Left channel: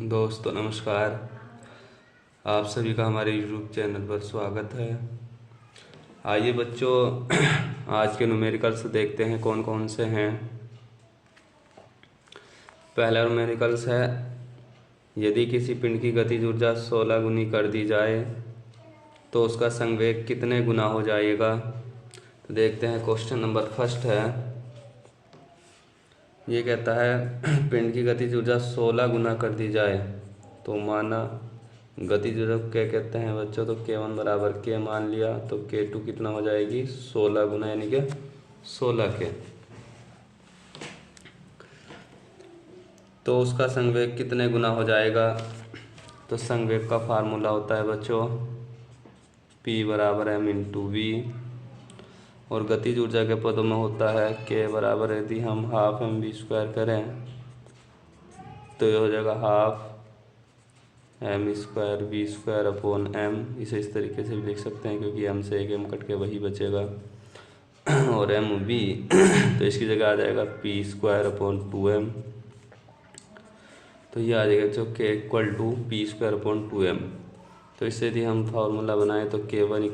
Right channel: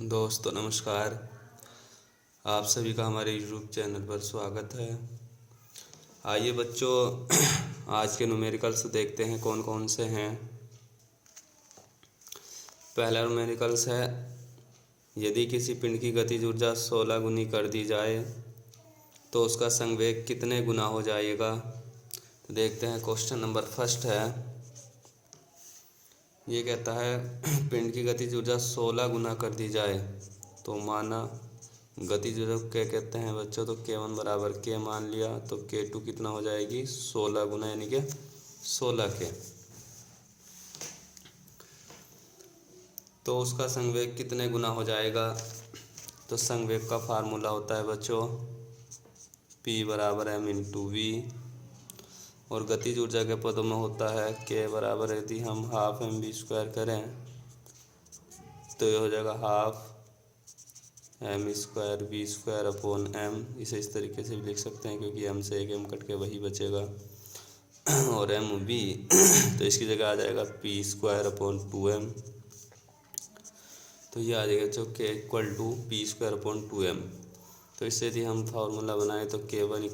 दोस्तों नमस्कार। आप सभी का हमारे YouTube चैनल पर स्वागत है। आइए बच्चों, आज के न्यूमेरिकल्स देखते हैं कौन कौन से हैं। पहला न्यूमेरिकल्स है, यदि किसी पिंड की गतिज ऊर्जा 16 गुनी कर दी जाए तो उसका संवेग कितने गुना हो जाएगा। तो देखते हैं, क्वेश्चन नंबर फर्स्ट है। ये कहता है पिंड की गतिज ऊर्जा 16 गुना कर दी जाए तो माना गतिज ऊर्जा क्या कहते हैं बच्चों, तो K1 बराबर K मान लिया तो K2 कितना हो जाएगी 16 गुना यानी कि 16 K। तो उसका संवेग कितने गुना हो जाएगा। तो संवेग का फार्मूला होता है बच्चों P बराबर M इंटू वी, और गतिज ऊर्जा के पदों में होता है K बराबर, यदि हम हाफ एम वी स्क्वायर करें तो ये हो जाएगा half M square V square upon M. इसे इस तरीके से भी लिख सकते हैं क्योंकि एम से एक एम कट के वही बचेगा, और एम वी तो इसकी जगह आ जाएगा पी स्क्वायर अपॉन 2m। तो ये आ जाएगा जो K equal to P square upon 2m। तो इससे यदि हम फार्मूला बनाएं तो K1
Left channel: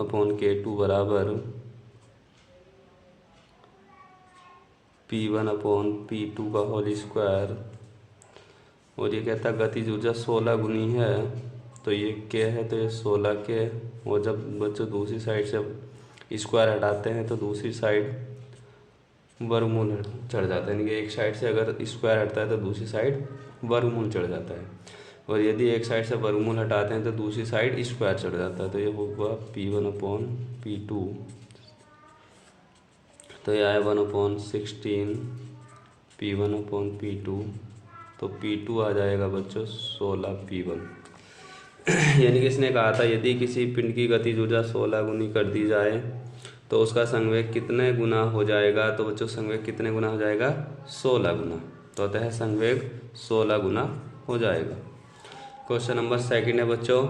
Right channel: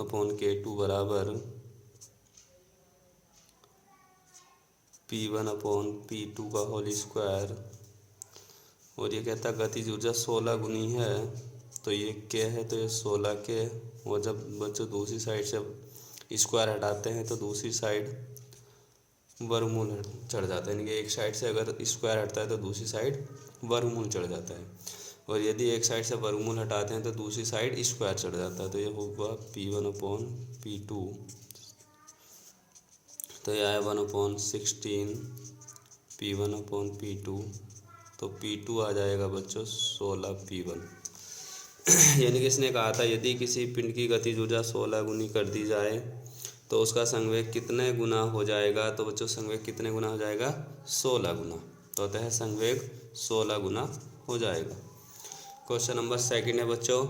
अपॉन K2 बराबर P1 अपॉन P2 का होल स्क्वायर, और ये कहता है गतिज ऊर्जा 16 गुनी है तो ये K है तो ये 16 K। और जब बच्चों दूसरी साइड से स्क्वायर हटाते हैं तो दूसरी साइड वर्गमूल चढ़ जाता है, यानी कि एक साइड से अगर स्क्वायर हटता है तो दूसरी साइड वर्गमूल चढ़ जाता है, और यदि एक साइड से वर्गमूल हटाते हैं तो दूसरी साइड स्क्वायर चढ़ जाता है। तो ये होगा P1 अपॉन P2, तो ये आया 1/16 P1 अपॉन P2, तो P2 आ जाएगा बच्चों 16 P1। यानी कि इसने कहा था यदि किसी पिंड की गतिज ऊर्जा 16 गुनी कर दी जाए तो उसका संवेग कितने गुना हो जाएगा। तो बच्चों संवेग कितने गुना हो जाएगा 16 गुना, तो अतः संवेग 16 गुना हो जाएगा। क्वेश्चन नंबर सेकंड है बच्चों,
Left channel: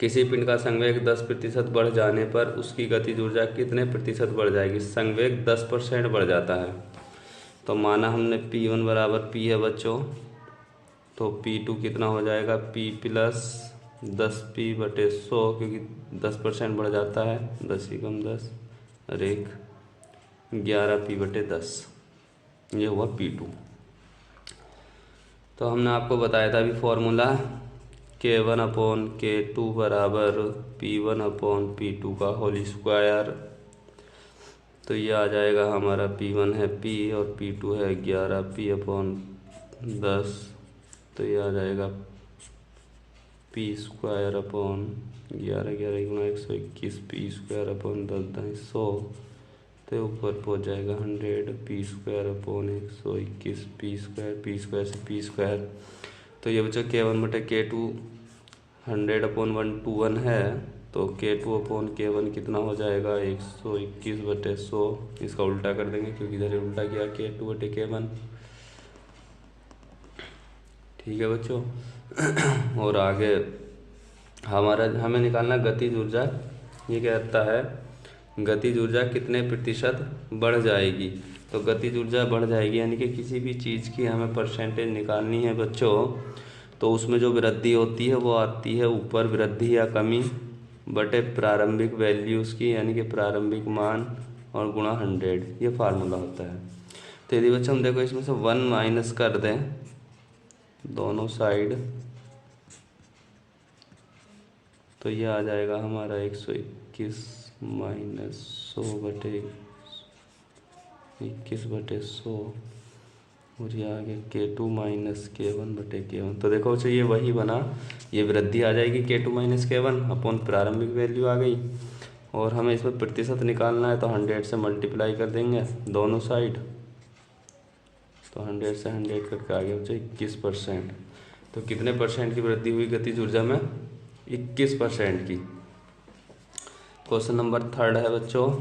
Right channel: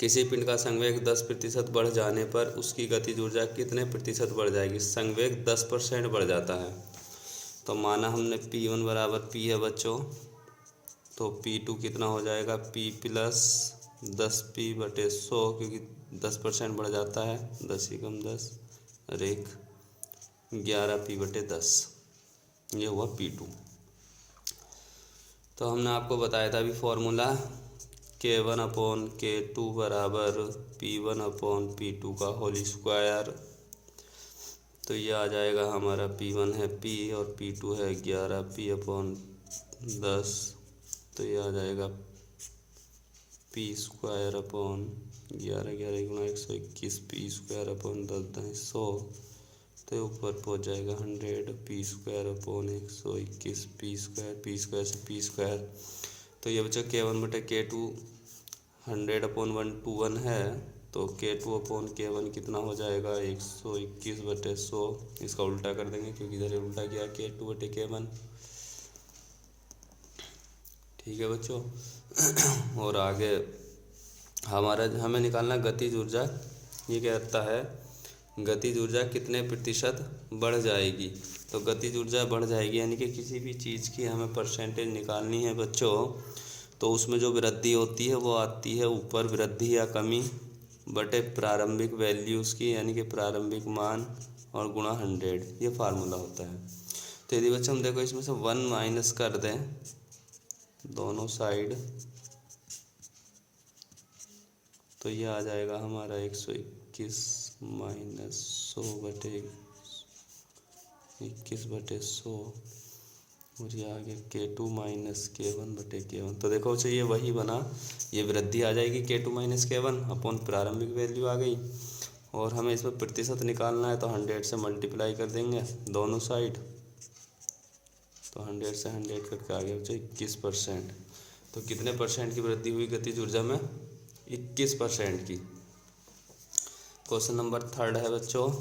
किसी पिंड का संवेग 10% बढ़ जाने पर उसकी गतिज ऊर्जा कितने प्रतिशत बढ़ जाएगी। संवेग 10% बढ़ जाता है तो माना हमने P1 बराबर P है बच्चों, तो P2 कितना हो जाएगा P प्लस 10P/100, क्योंकि 10% बढ़ जाता है, 10 ही कम 10 और 1 11P/10, ये हुआ P2। तो हमने आपको बताया था अभी फॉर्मूला K1 अपॉन K2 बराबर P1 अपॉन P2 का होल स्क्वायर। तो ये आ जाएगा हमारा P1 है P और P2 है 11P/10, तो ये आ जाएगा P स्क्वायर अपॉन 11 11 गुणा 121 P स्क्वायर अपॉन 10 100, तो ऊपर पहुँच जाएगा 100 P square upon 121 P square से P स्क्वायर। तो ये बच्चों K1/K2 100/121 है, तो K2 अपॉन K1 कितना हो जाएगा 121/100। इसका उल्टा कर देंगे क्योंकि इधर उल्टा किया K2/K1। ठीक है बच्चों। और आगे हमें निकालना गतिज ऊर्जा। ये कहता है गतिज ऊर्जा कितने प्रतिशत बढ़ जाएगी। तो गतिज ऊर्जा बढ़ जाएगी यानी कि किसी भी चीज़ की हमें परसेंटेज निकालनी है बच्चों, तो उसमें जो वृद्धि होती है वो आती है ऊपर वृद्धि या कमी बटे प्रारंभिक वैल्यू उसकी, यानी कि प्रारंभिक मान और गुणा 100, ये फार्मूला होता है। तो यदि बच्चों हम देखो इसमें से 1 माइनस कर दें दोनों साइड, तो ये आ जाएगा हमारा 121 माइनस 100/21/100, और ये आ गया K2 माइनस K1/K1। तो देखो ये वही बना, ये वृद्धि आ जाएगी K2 माइनस K1 अपॉन प्रारंभिक वैल्यू आ गई, और हमें इसमें प्रतिशत निकालना है तो 100 से मल्टीप्लाई कर देंगे दोनों साइड, तो 100 से 100 करके आगे बच्चे 21%। तो कितने परसेंट की वृद्धि हुई गतिज ऊर्जा में 21% की। क्वेश्चन नंबर थर्ड है बच्चों,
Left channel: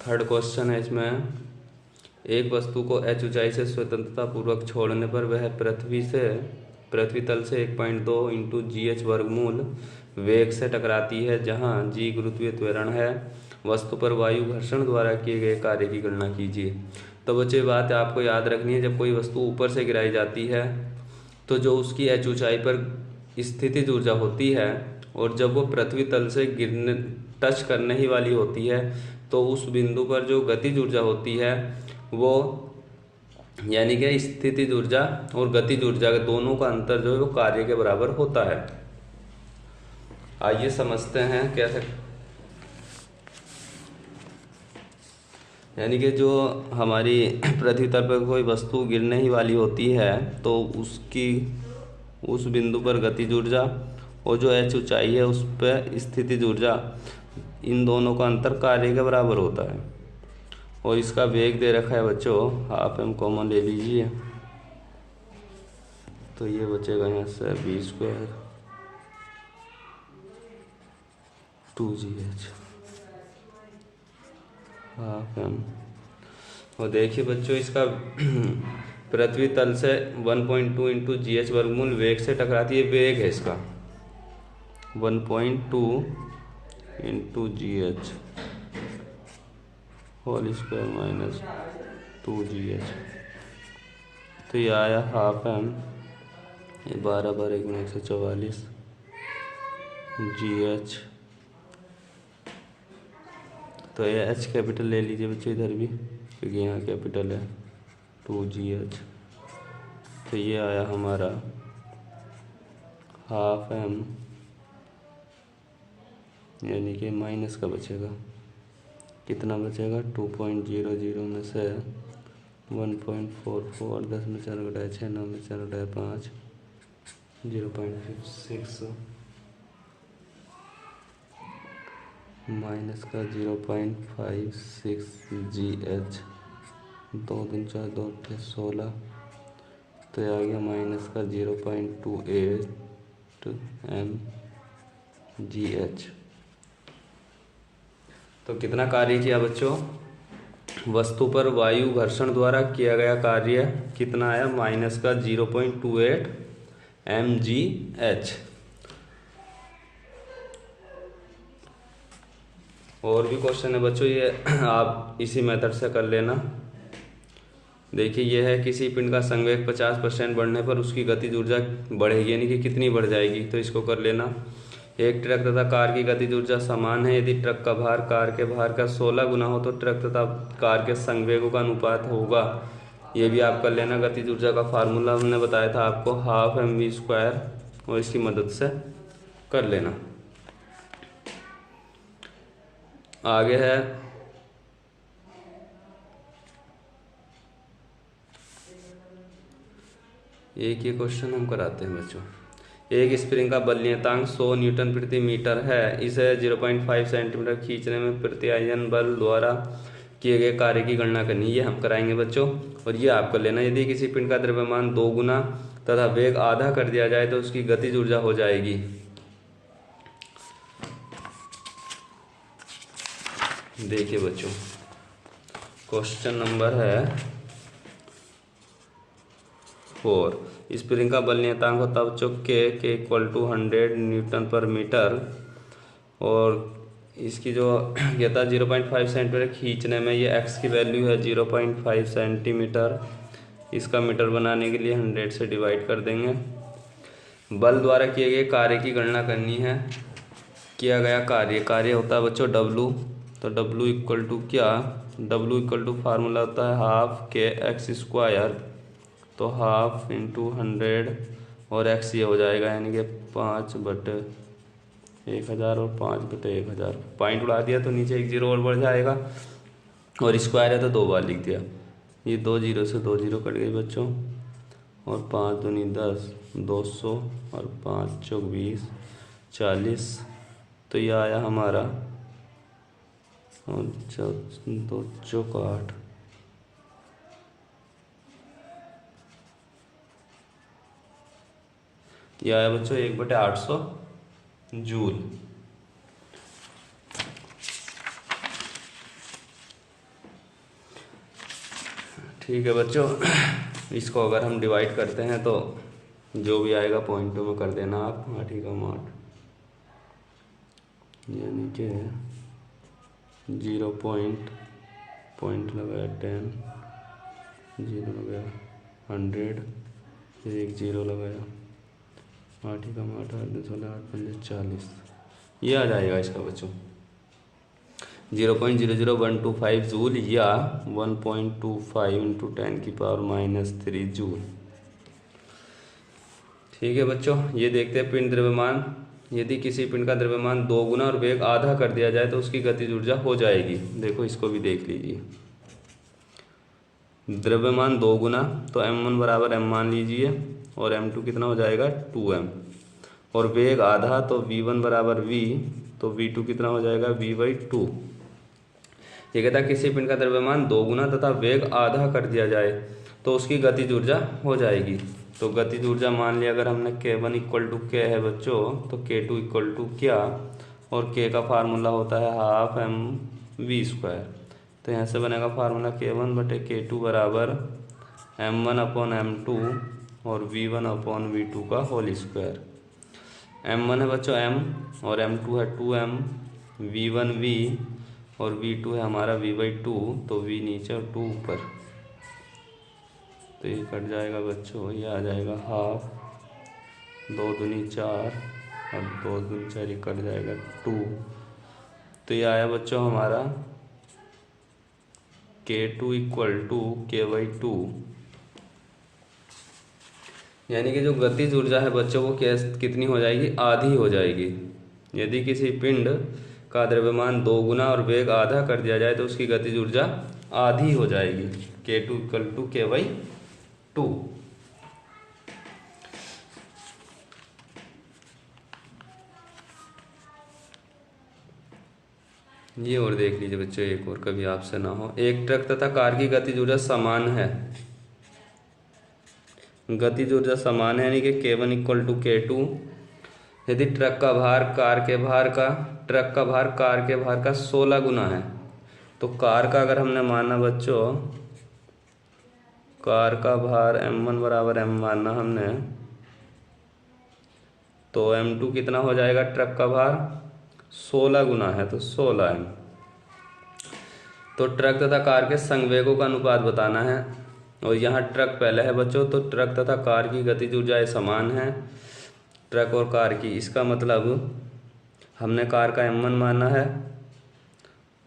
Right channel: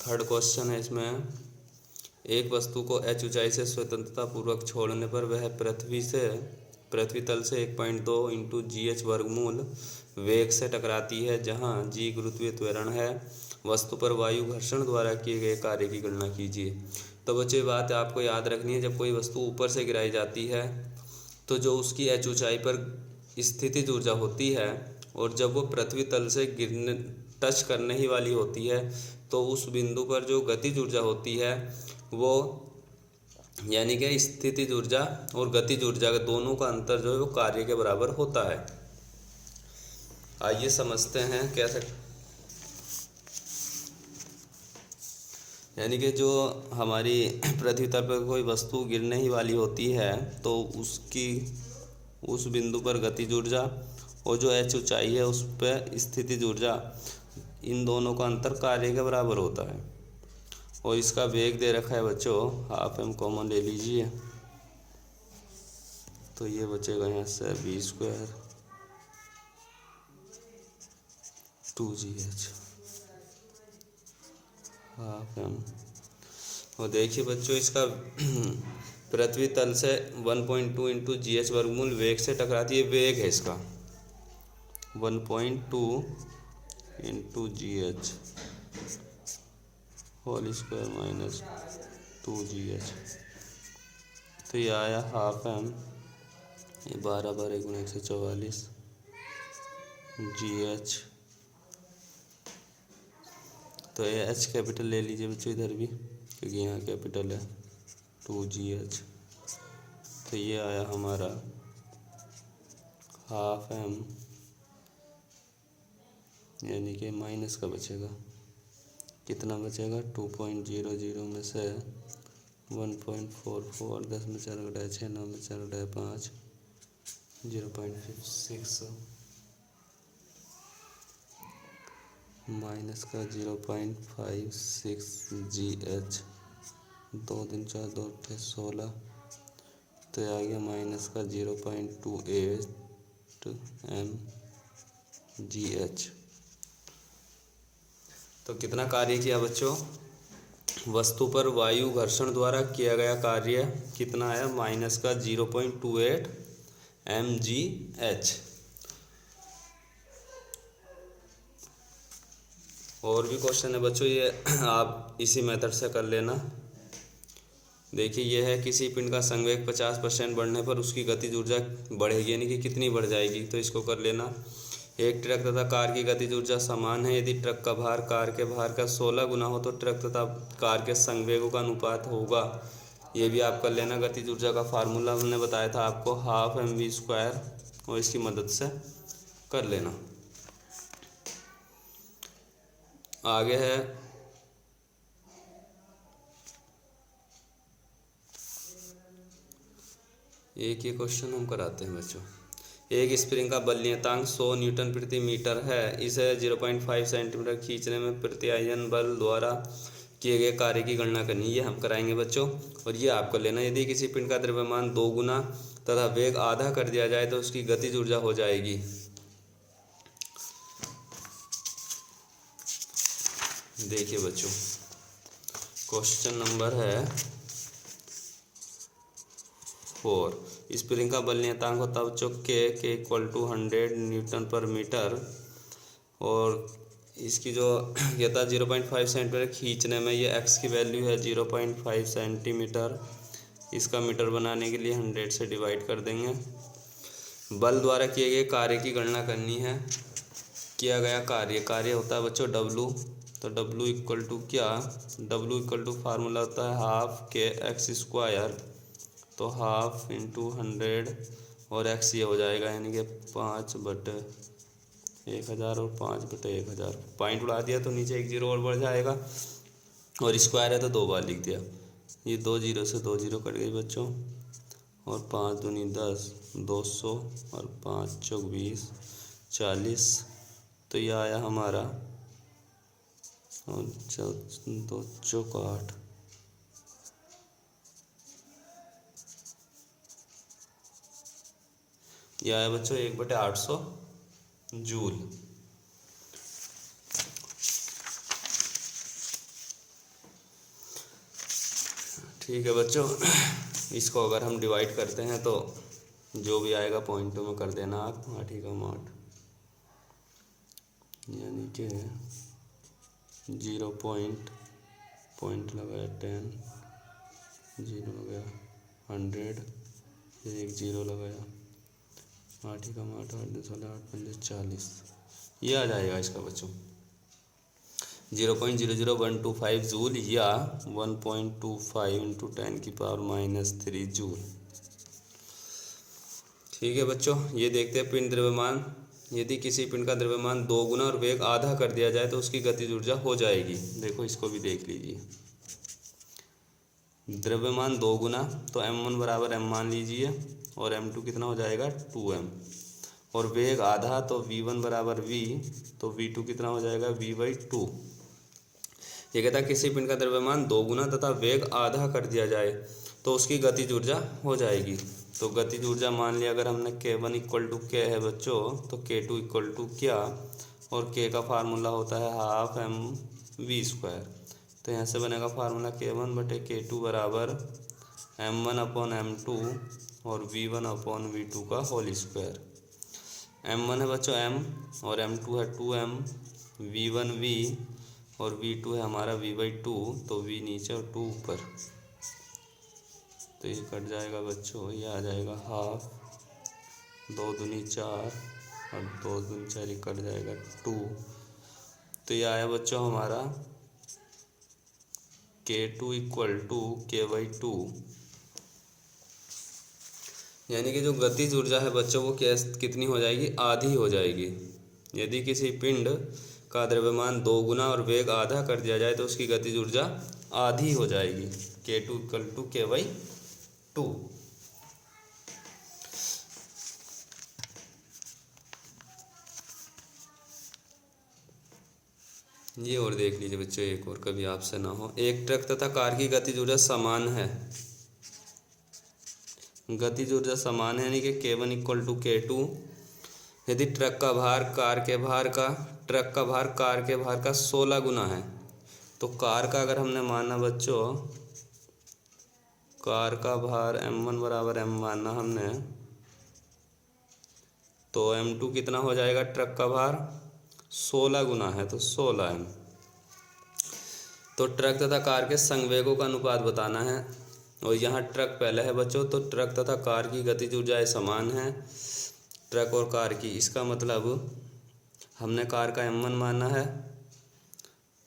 थर्ड क्वेश्चन है इसमें, एक वस्तु को h ऊंचाई से स्वतंत्रता पूर्वक छोड़ने पर वह पृथ्वी तल से 1.2 इंटू GH वर्गमूल वेग से टकराती है, जहां G गुरुत्वीय त्वरण है। वस्तु पर वायु घर्षण द्वारा किए गए कार्य की गणना कीजिए। तो बच्चे बात आपको याद रखनी है, जब कोई वस्तु ऊपर से गिराई जाती है तो जो उसकी h ऊंचाई पर स्थितिज ऊर्जा होती है, और जब वो पृथ्वी तल से गिरने टच करने ही वाली होती है तो उस बिंदु पर जो गतिज ऊर्जा होती है वो, यानी कि स्थितिज ऊर्जा और गतिज ऊर्जा के दोनों का अंतर जो है वो कार्य के बराबर होता है। आइए समझते हैं कैसे। यानी कि जो हमारी पृथ्वी तल पर कोई वस्तु गिरने ही वाली होती है तो उसकी उस बिंदु पर गतिज ऊर्जा और जो h ऊंचाई है उस पर स्थितिज ऊर्जा, इन दोनों का अंतर कार्य के बराबर होता है। और इसका वेग दे रखा है बच्चों, हाफ m कॉमन ले लीजिए तो ये बचेगा यहाँ से v² 2gh हाफ m। और देखिए बच्चों इसका पृथ्वी तल से 1.2 इंटू GH वर्गमूल वेग से टकराती है, वेग है इसका 1.2 into GH whole square minus 2gh। तो ये आया हाफ m, ये 12/144 GH। तो ये h कैपिटल ले लीजिए बच्चों इधर भी, क्योंकि यहाँ कैपिटल है 2gh। तो ये आया हमारा हाफ m, यानी कि माइनस का बचेगा, कितना बचेगा 2.00 में से 1.44, 10 में 4 घटाए 6, 9 में 4 घटाए 5, 0.56 माइनस का 0.56 GH। 2 दूनी 4, 2 × 16, तो ये आ गया माइनस का 0.28 mGH। तो कितना कार्य किया बच्चों, वस्तु पर वायु घर्षण द्वारा किया गया कार्य कितना आया, माइनस का 0.28 mGH। और भी क्वेश्चन है बच्चों, ये आप इसी मेथड से कर लेना। देखिए ये है, किसी पिंड का संवेग 50% बढ़ने पर उसकी गतिज ऊर्जा बढ़ेगी, यानी कि कितनी बढ़ जाएगी, तो इसको कर लेना। एक ट्रक तथा कार की गतिज ऊर्जा समान है, यदि ट्रक का भार कार के भार का 16 गुना हो तो ट्रक तथा कार के संवेगों का अनुपात होगा। ये भी आप कर लेना। गतिज ऊर्जा का फार्मूला हमने बताया था आपको, हाफ mv², और इसकी मदद से कर लेना। आगे है एक ये क्वेश्चन हम कराते हैं बच्चों। एक स्प्रिंग का बल नियतांक 100 न्यूटन प्रति मीटर है, इसे 0.5 सेंटीमीटर खींचने में प्रत्यायन बल द्वारा किए गए कार्य की गणना करनी, ये हम कराएंगे बच्चों। और ये आप कर लेना, यदि किसी पिंड का द्रव्यमान 2 गुना तथा वेग आधा कर दिया जाए तो उसकी गतिज ऊर्जा हो जाएगी। देखिए बच्चों क्वेश्चन नंबर है 4। स्प्रिंग का बल नियतांक होता है बच्चों के इक्वल टू 100 न्यूटन पर मीटर, और इसकी जो ये था 0.5 सेंटीमीटर खींचने में, ये x की वैल्यू है 0.5 सेंटीमीटर। इसका मीटर बनाने के लिए 100 से डिवाइड कर देंगे। बल द्वारा किए गए कार्य की गणना करनी है। किया गया कार्य होता है बच्चों W, तो W इक्वल टू क्या, W इक्वल टू फार्मूला होता है हाफ kx², तो हाफ इंटू 100 और x ये हो जाएगा, यानी कि 5/1000 और 5/1000। पॉइंट उड़ा दिया तो नीचे एक जीरो और बढ़ जाएगा, और स्क्वायर है तो 2 बार लिख दिया। ये 2 जीरो से 2 जीरो कट गई बच्चों, और 5 दूनी 10, 200 और 5 चौक 20, 40। तो ये आया हमारा 2 चौक 8। ये आया बच्चों 1/800 जूल। ठीक है बच्चों, इसको अगर हम डिवाइड करते हैं तो जो भी आएगा पॉइंटों में कर देना आप, 8 का 8, यानी कि 0 पॉइंट लगाया 10 जीरो लगाया 100, फिर एक जीरो लगाया, 8 कम 8 8 16 8 15 40, ये आ जाएगा इसका बच्चों 0.00125 जूल या 1.25 इंटू 10⁻³ जूल। ठीक है बच्चों, ये देखते हैं पिंड द्रव्यमान। यदि किसी पिंड का द्रव्यमान 2 गुना और वेग आधा कर दिया जाए तो उसकी गतिज ऊर्जा हो जाएगी। देखो इसको भी देख लीजिए। द्रव्यमान 2 गुना तो m1 बराबर m मान लीजिए, और m2 कितना हो जाएगा 2m, और वेग आधा तो v1 बराबर v, तो v2 कितना हो जाएगा v/2। ये कहता है किसी पिंड का द्रव्यमान 2 गुना तथा वेग आधा कर दिया जाए तो उसकी गतिज ऊर्जा हो जाएगी। तो गतिज ऊर्जा मान लिया अगर हमने k1 इक्वल टू k है बच्चों, तो k2 इक्वल टू क्या, और k का फार्मूला होता है 12mv²। तो यहाँ से बनेगा फार्मूला k1/k2 बराबर m1/m2 और v1/v2 का होल स्क्वायर। m1 है बच्चों m, और m2 है 2m, v1 v और v2 है हमारा v/2, तो v नीचे और 2 ऊपर, तो ये कट जाएगा बच्चों, ये आ जाएगा 12, 2 दूनी 4 और 2 दूनी 4, ये कट जाएगा 2। तो ये आया बच्चों हमारा k2 इक्वल टू k/2, यानी कि जो गतिज ऊर्जा है बच्चों वो कितनी हो जाएगी, आधी हो जाएगी। यदि किसी पिंड का द्रव्यमान 2 गुना और वेग आधा कर दिया जाए तो उसकी गतिज ऊर्जा आधी हो जाएगी, k2 इक्वल टू k/2। ये और देख लीजिए बच्चों, एक और कभी आपसे ना हो। एक ट्रक तथा कार की गतिज ऊर्जा समान है, गतिज ऊर्जा समान है यानी कि k1 इक्वल टू k2। यदि ट्रक का भार कार के भार का 16 गुना है, तो कार का अगर हमने माना बच्चों, कार का भार m1 बराबर m माना हमने, तो m2 कितना हो जाएगा, ट्रक का भार 16 गुना है तो 16m। तो ट्रक तथा कार के संवेगों का अनुपात बताना है, और यहाँ ट्रक पहले है बच्चों, तो ट्रक तथा कार की गतिज ऊर्जाएं समान है, ट्रक और कार की। इसका मतलब हमने कार का m1 माना है,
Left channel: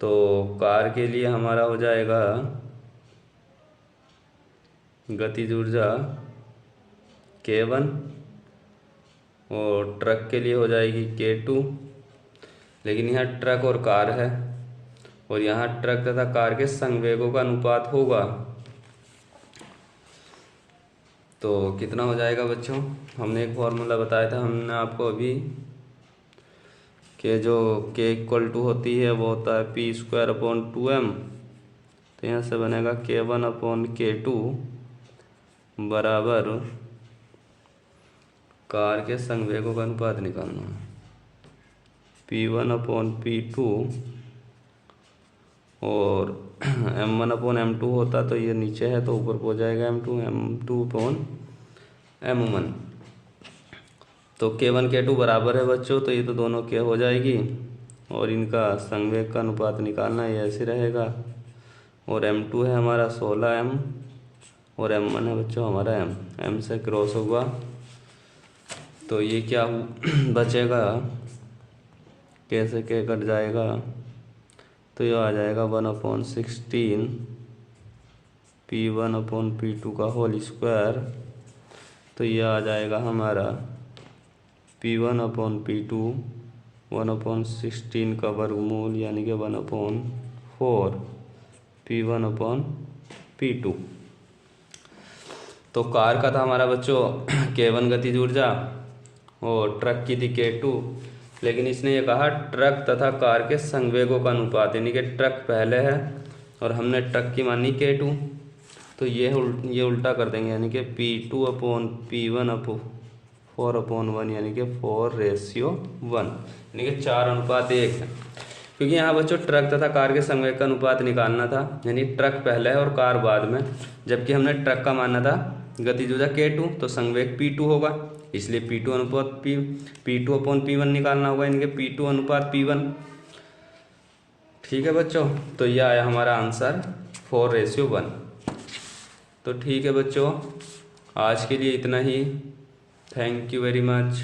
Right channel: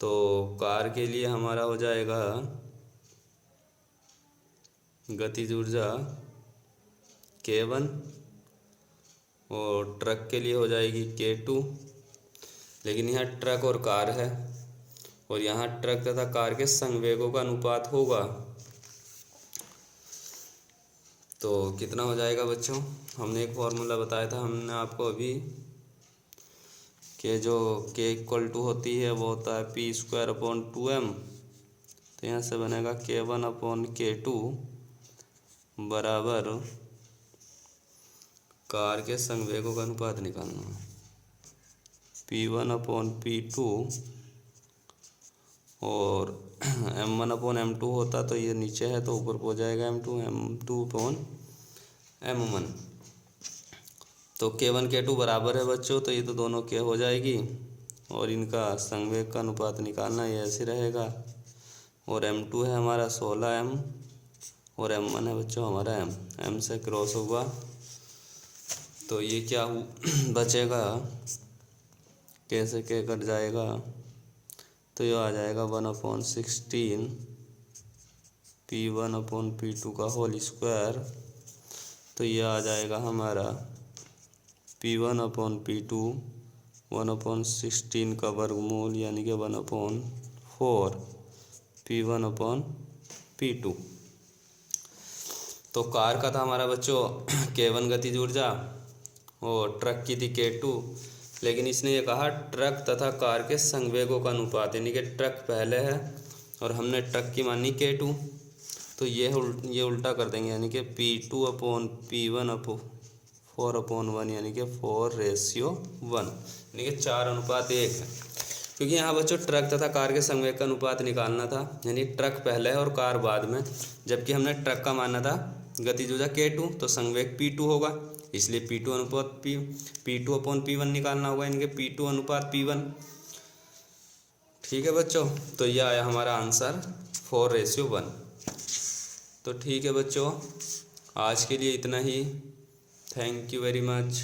तो कार के लिए हमारा हो जाएगा गतिज ऊर्जा k1, और ट्रक के लिए हो जाएगी k2। लेकिन यहाँ ट्रक और कार है, और यहाँ ट्रक तथा कार के संवेगों का अनुपात होगा, तो कितना हो जाएगा बच्चों, हमने एक फॉर्मूला बताया था हमने आपको अभी, कि जो k इक्वल टू होती है वो होता है p²/2m। तो यहाँ से बनेगा k1/k2 बराबर, कार के संवेगों का अनुपात निकालना, p1/p2, और m1/m2 होता तो ये नीचे है तो ऊपर हो जाएगा m2/m1। तो k1 k2 बराबर है बच्चों, तो ये तो दोनों k हो जाएगी, और इनका संवेग का अनुपात निकालना, ये ऐसे रहेगा। और m2 है हमारा 16m, और m1 है बच्चों हमारा m से क्रॉस होगा, तो ये क्या बचेगा, कैसे k कट जाएगा, तो ये आ जाएगा 1/16 p1/p2 का होल स्क्वायर। तो ये आ जाएगा हमारा p1/p2 1/16 का वर्गमूल, यानी कि 1/4 p1/p2। तो कार का था हमारा बच्चों k1 गतिज ऊर्जा, और ट्रक की थी k2। लेकिन इसने ये कहा ट्रक तथा कार के संवेगों का अनुपात, यानी कि ट्रक पहले है और हमने ट्रक की मानी k2, तो ये उल्टा कर देंगे, यानी कि p2/p1/4/1, यानी कि 4:1, यानी कि 4:1 है। क्योंकि यहाँ बच्चों ट्रक तथा कार के संवेग का अनुपात निकालना था, यानी ट्रक पहले है और कार बाद में, जबकि हमने ट्रक का माना था गतिज ऊर्जा k2, तो संवेग p2 होगा, इसलिए p2/p1 निकालना होगा, यानी कि p2/p1। ठीक है बच्चों, तो यह आया हमारा आंसर 4:1। तो तो ठीक है बच्चों, आज के लिए इतना ही। Thank you very much.